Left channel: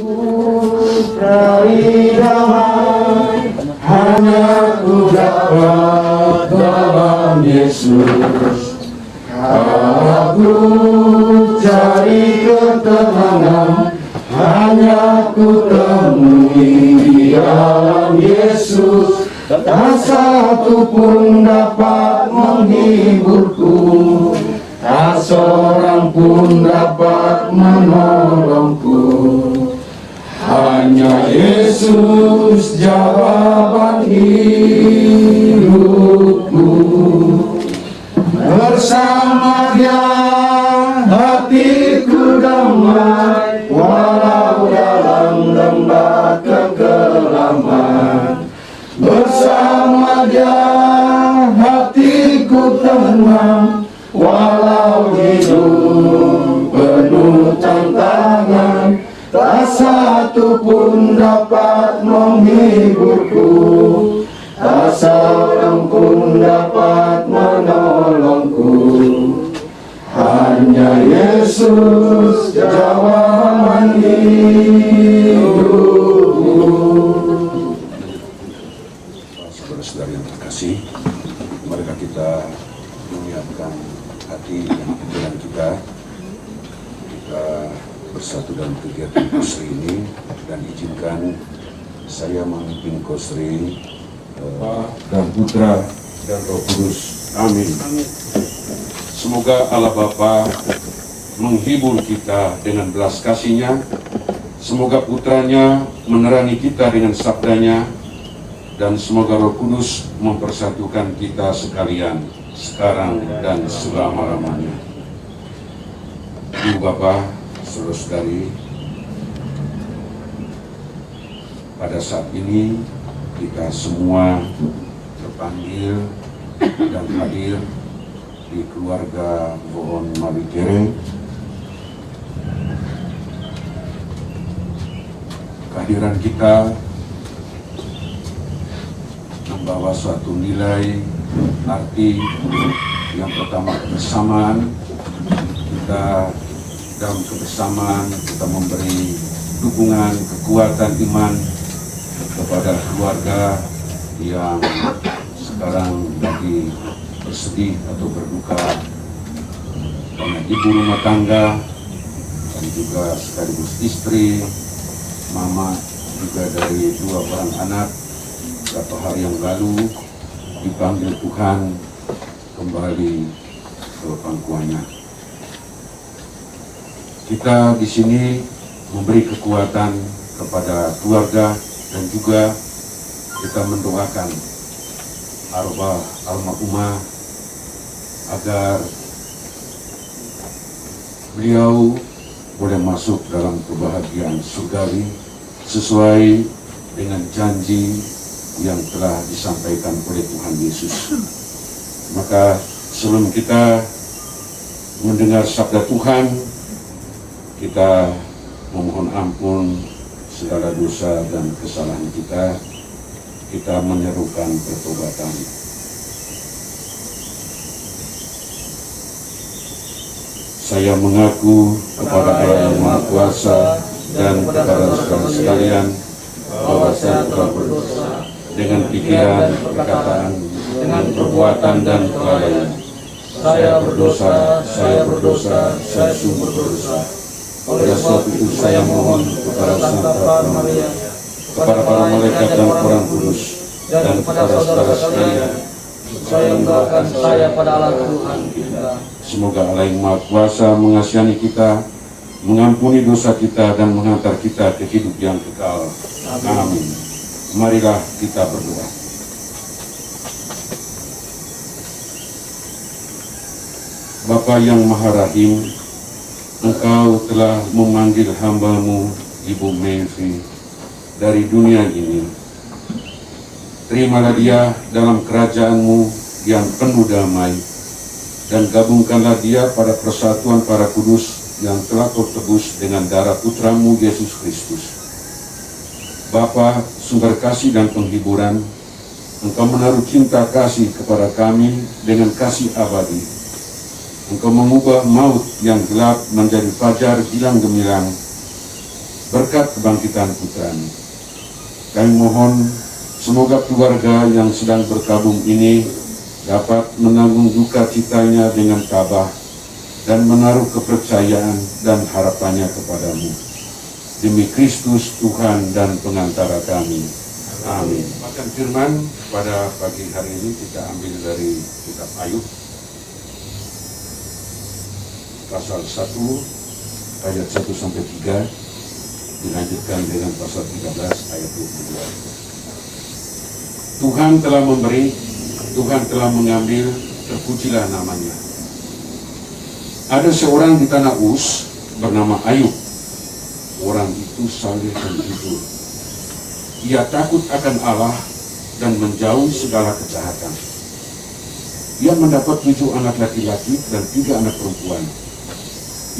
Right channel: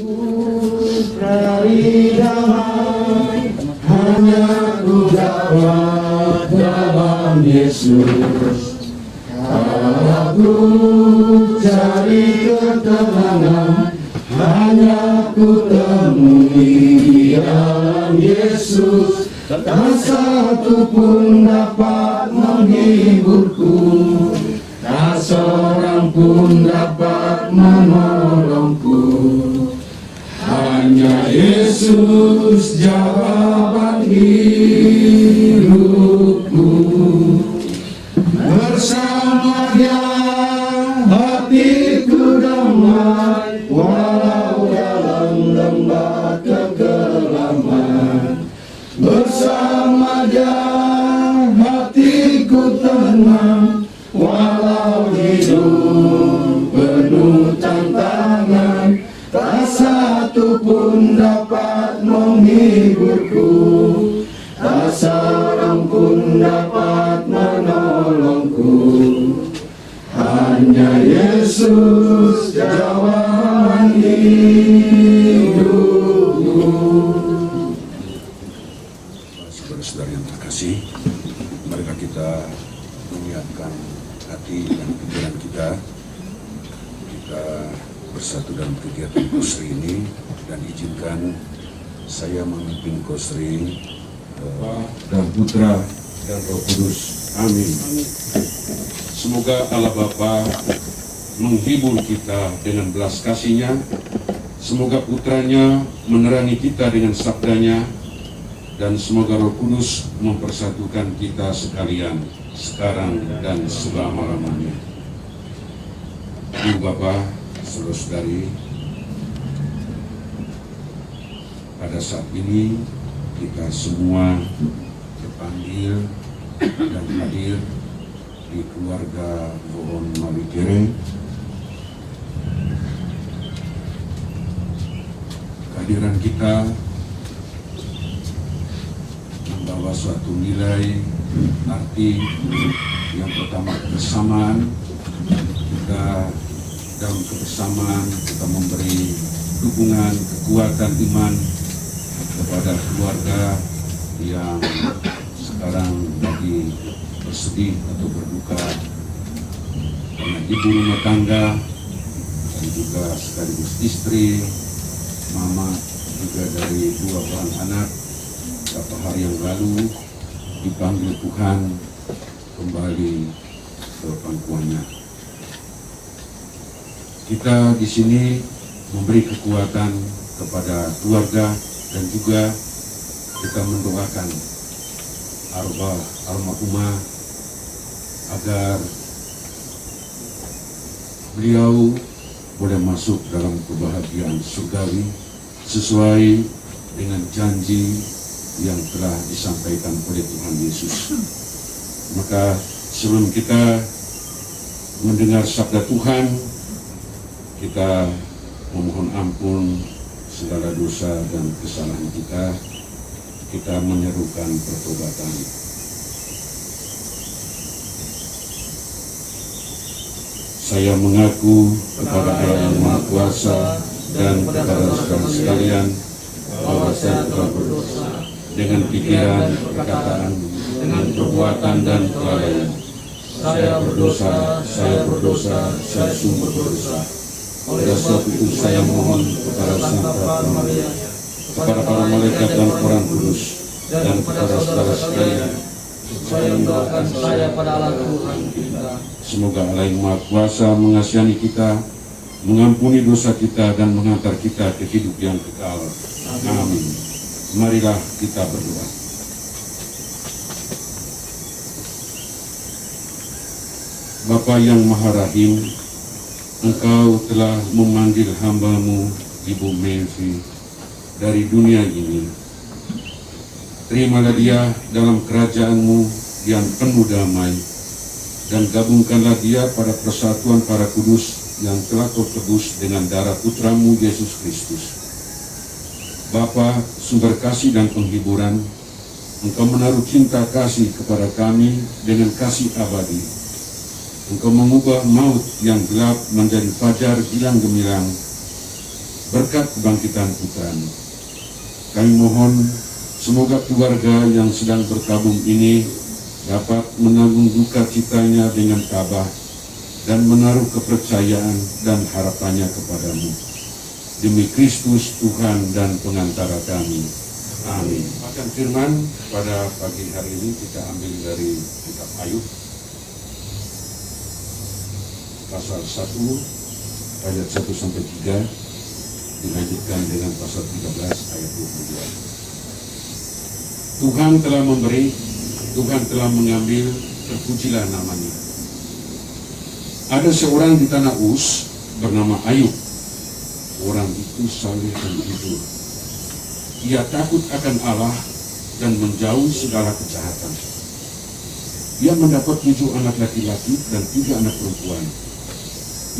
Putra damai, hanya ku dapat dalam Yesus. Aku cari ketenangan, hanya ku temui di dalam Yesus. Tak satu pun dapat menghiburku, tak seorang pun dapat menolongku. Hanya Yesus jawaban hidupku. Bersama Dia hatiku damai, walau dalam lembah kegelapan. Bersama Dia hatiku tenang, walau hidup penuh tantangan. Tak satu pun dapat menghiburku, tak seorang pun dapat menolongku. Hanya Yesus jawaban hidupku. Saudara-saudara yang terkasih, marilah kita menyiapkan hati dan pikiran kita bersatu dalam kegiatan Kosri ini, dan izinkan saya memimpin Kosri dan Putra dan Roh Kudus. Amin. Semoga Allah Bapa menghibur kita dengan belas kasih-Nya. Semoga Putranya menerangi kita dengan sabdanya, dan semoga Roh Kudus mempersatukan kita sekalian sekarang dan selama-lamanya. Ibu Bapa, saudara-saudari, pada saat ini kita semua terpanggil dan hadir di keluarga Bohon Mawikere. Kehadiran kita membawa suatu nilai arti. Yang pertama, kebersamaan. Kita dalam kebersamaan kita memberi dukungan, kekuatan iman kepada keluarga yang sekarang lagi bersedih atau berduka karena ibu rumah tangga dan juga sekaligus istri, mama juga dari 2 orang anak beberapa hari yang lalu dipanggil Tuhan kembali ke pangkuannya. Kita di sini memberi kekuatan kepada keluarga dan juga kita mendoakan arwah almarhumah agar beliau boleh masuk dalam kebahagiaan surgawi sesuai dengan janji yang telah disampaikan oleh Tuhan Yesus. Maka sebelum kita mendengar sabda Tuhan, kita memohon ampun segala dosa dan kesalahan kita. Kita menyerukan pertobatan. Saya mengaku kepada Allah yang Maha Kuasa dan kepada saudara sekalian bahwa saya telah berdosa dengan pikiran, perkataan, dengan perbuatan dan kelalaian. Saya berdosa, saya sungguh berdosa. Oleh sebab itu saya mohon kepada Santa Maria, kepada para malaikat dan orang kudus, dan kepada saudara sekalian, supaya mendoakan saya pada Allah Tuhan kita. Semoga Allah yang Maha Kuasa mengasihani kita, mengampuni dosa kita, dan menghantar kita ke hidup yang kekal. Amin. Marilah kita berdoa. Bapa yang Maha Rahim, Engkau telah memanggil hamba-Mu, Ibu Mevi, dari dunia ini. Terimalah dia dalam kerajaan-Mu yang penuh damai, dan gabungkanlah dia pada persatuan para kudus yang telah Kau tebus dengan darah Putra-Mu Yesus Kristus. Bapa, sumber kasih dan penghiburan, Engkau menaruh cinta kasih kepada kami dengan kasih abadi. Engkau mengubah maut yang gelap menjadi fajar gilang gemilang, berkat kebangkitan putranya. Kami mohon semoga keluarga yang sedang berkabung ini dapat menanggung duka citanya dengan tabah dan menaruh kepercayaan dan harapannya kepadamu. Demi Kristus Tuhan dan pengantara kami. Amin. Makan firman pada pagi hari ini kita ambil dari kitab Ayub pasal 1 ayat 1 sampai 3 dilanjutkan dengan pasal 13 ayat 22. Tuhan telah memberi, Tuhan telah mengambil, terpujilah namanya. Ada seorang di tanah Uz bernama Ayub. Orang itu saleh dan jujur. Ia takut akan Allah dan menjauhi segala kejahatan. Ia mendapat 7 anak laki-laki dan 3 anak perempuan.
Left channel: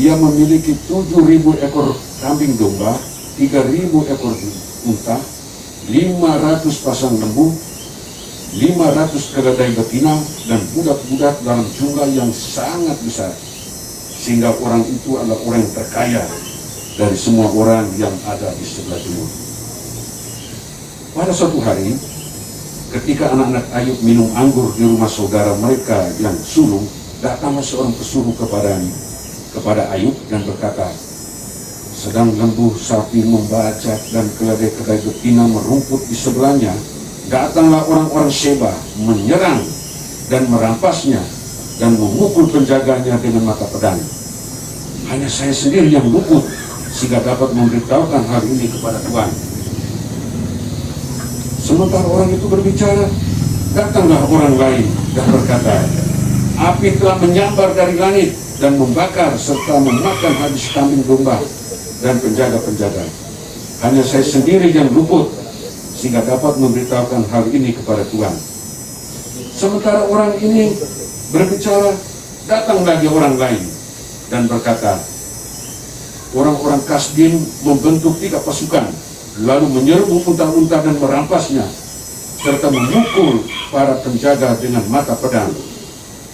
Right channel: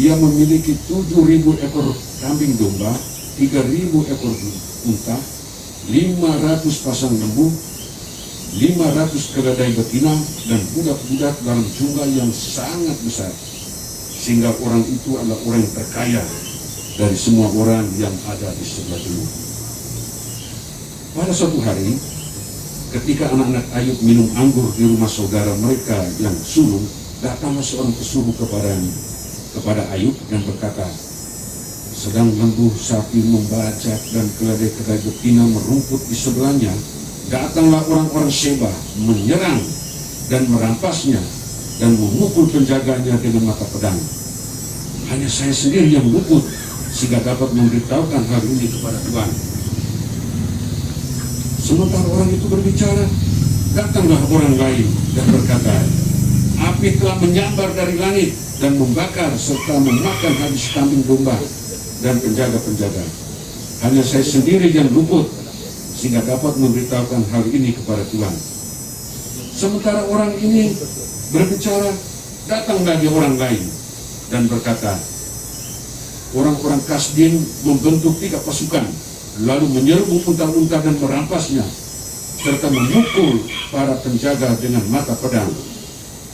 Ia memiliki 7.000 ekor kambing domba, 3.000 ekor unta, 500 pasang lembu, 500 keledai betina, dan budak-budak dalam jumlah yang sangat besar. Sehingga orang itu adalah orang yang terkaya dari semua orang yang ada di sebelah timur. Pada suatu hari, ketika anak-anak Ayub minum anggur di rumah saudara mereka yang sulung, datanglah seorang pesuruh kepada Ayub dan berkata, sedang lembu sapi membacak dan keledai-keledai betina merumput di sebelahnya, datanglah orang-orang Sheba menyerang dan merampasnya dan memukul penjaganya dengan mata pedang. Hanya saya sendiri yang luput sehingga dapat memberitahukan hal ini kepada Tuhan. Sementara orang itu berbicara, datanglah orang lain dan berkata, api telah menyambar dari langit dan membakar serta memakan habis kambing domba dan penjaga-penjaga. Hanya saya sendiri yang luput sehingga dapat memberitahukan hal ini kepada Tuhan. Sementara orang ini berbicara, datang lagi orang lain dan berkata, orang-orang Kasdim membentuk 3 pasukan, lalu menyerbu unta-unta dan merampasnya, serta memukul para penjaga dengan mata pedang.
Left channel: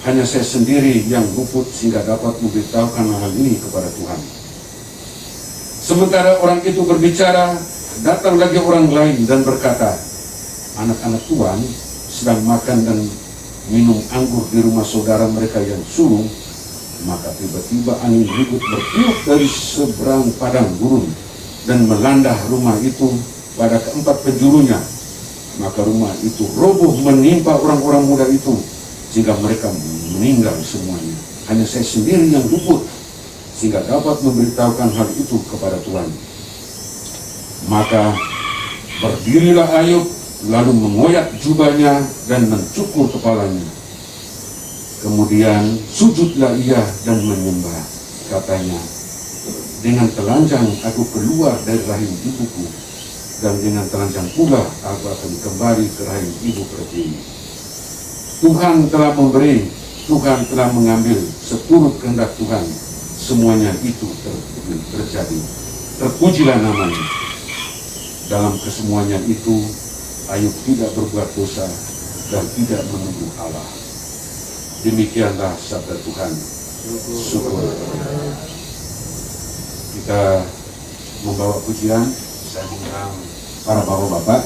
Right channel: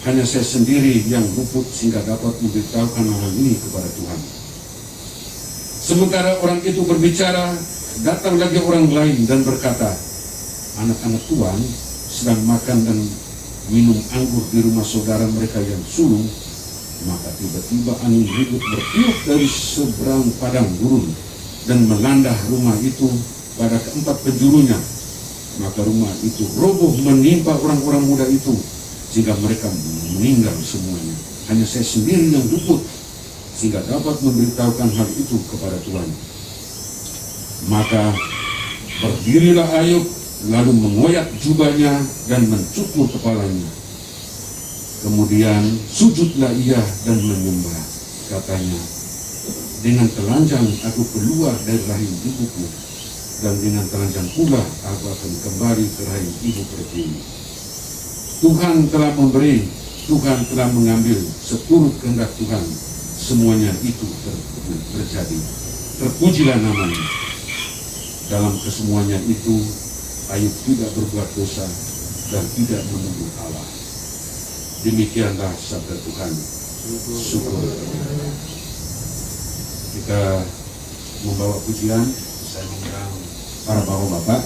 Hanya saya sendiri yang luput sehingga dapat memberitahukan hal ini kepada Tuhan. Sementara orang itu berbicara, datang lagi orang lain dan berkata, anak-anak Tuhan sedang makan dan minum anggur di rumah saudara mereka yang sulung. Maka tiba-tiba angin ribut bertiup dari seberang padang gurun dan melanda rumah itu pada keempat penjurunya. Maka rumah itu roboh menimpa orang-orang muda itu sehingga mereka meninggal semuanya. Hanya saya sendiri yang luput sehingga dapat memberitahukan hal itu kepada Tuhan. Maka berdirilah Ayub lalu mengoyak jubahnya dan mencukur kepalanya. Kemudian sujudlah ia dan menyembah. Katanya, dengan telanjang aku keluar dari rahim ibuku, dan dengan telanjang pula aku akan kembali ke rahim ibu pertiwi. Tuhan telah memberi, Tuhan telah mengambil, seturut kehendak Tuhan semuanya itu terjadi. Terpujilah namanya. Dalam kesemuanya itu Ayub tidak berbuat dosa dan tidak menuduh Allah. Demikianlah sabda Tuhan. Syukur. Kita membawa pujian. Saya mengundang para bapak-bapak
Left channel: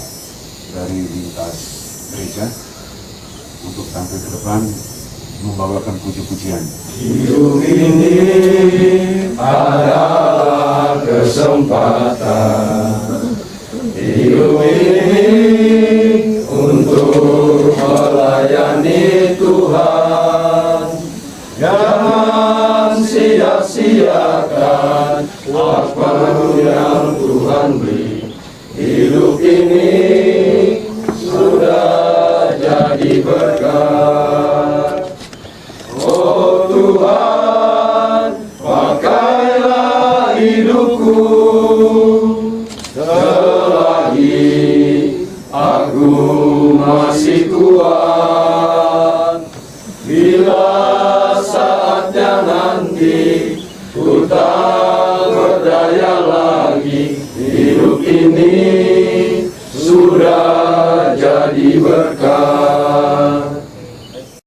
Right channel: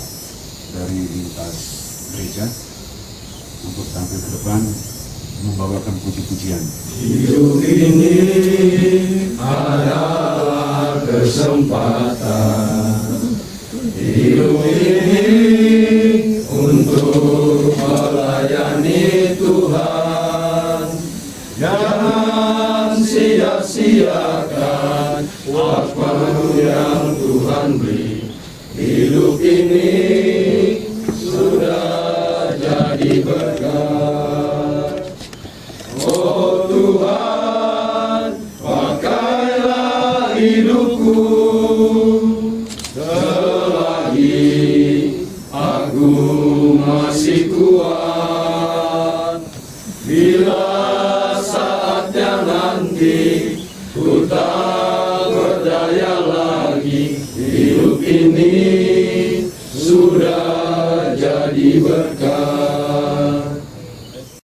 dari lintas gereja untuk tampil ke depan membawakan puji-pujian. Hidup ini adalah kesempatan. Hidup ini untuk melayani Tuhan. Jangan sia-siakan waktu yang